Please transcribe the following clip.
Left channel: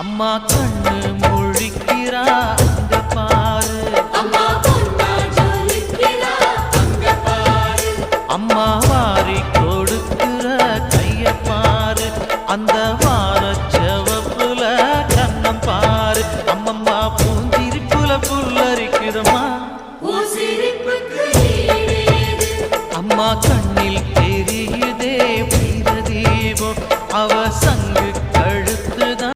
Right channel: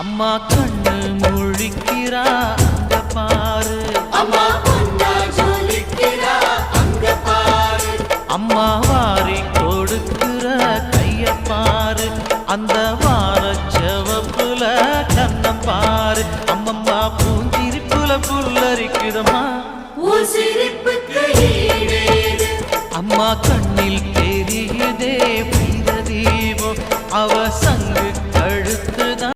அம்மா கண்ணு முழிக்கிறா அங்க பாரு, அம்மா வாரி கொடுக்கிற கைய பாரு, அந்த வானச்சவப்புல கண்ணம் பாரு, அம்மம்மா பூஞ்சிரிப்புல புல்லரிக்குதம்மா, அம்மா கண்ணில் தெரியுதே வீரதீபம், அவ சங்கு கழுத்துதான்.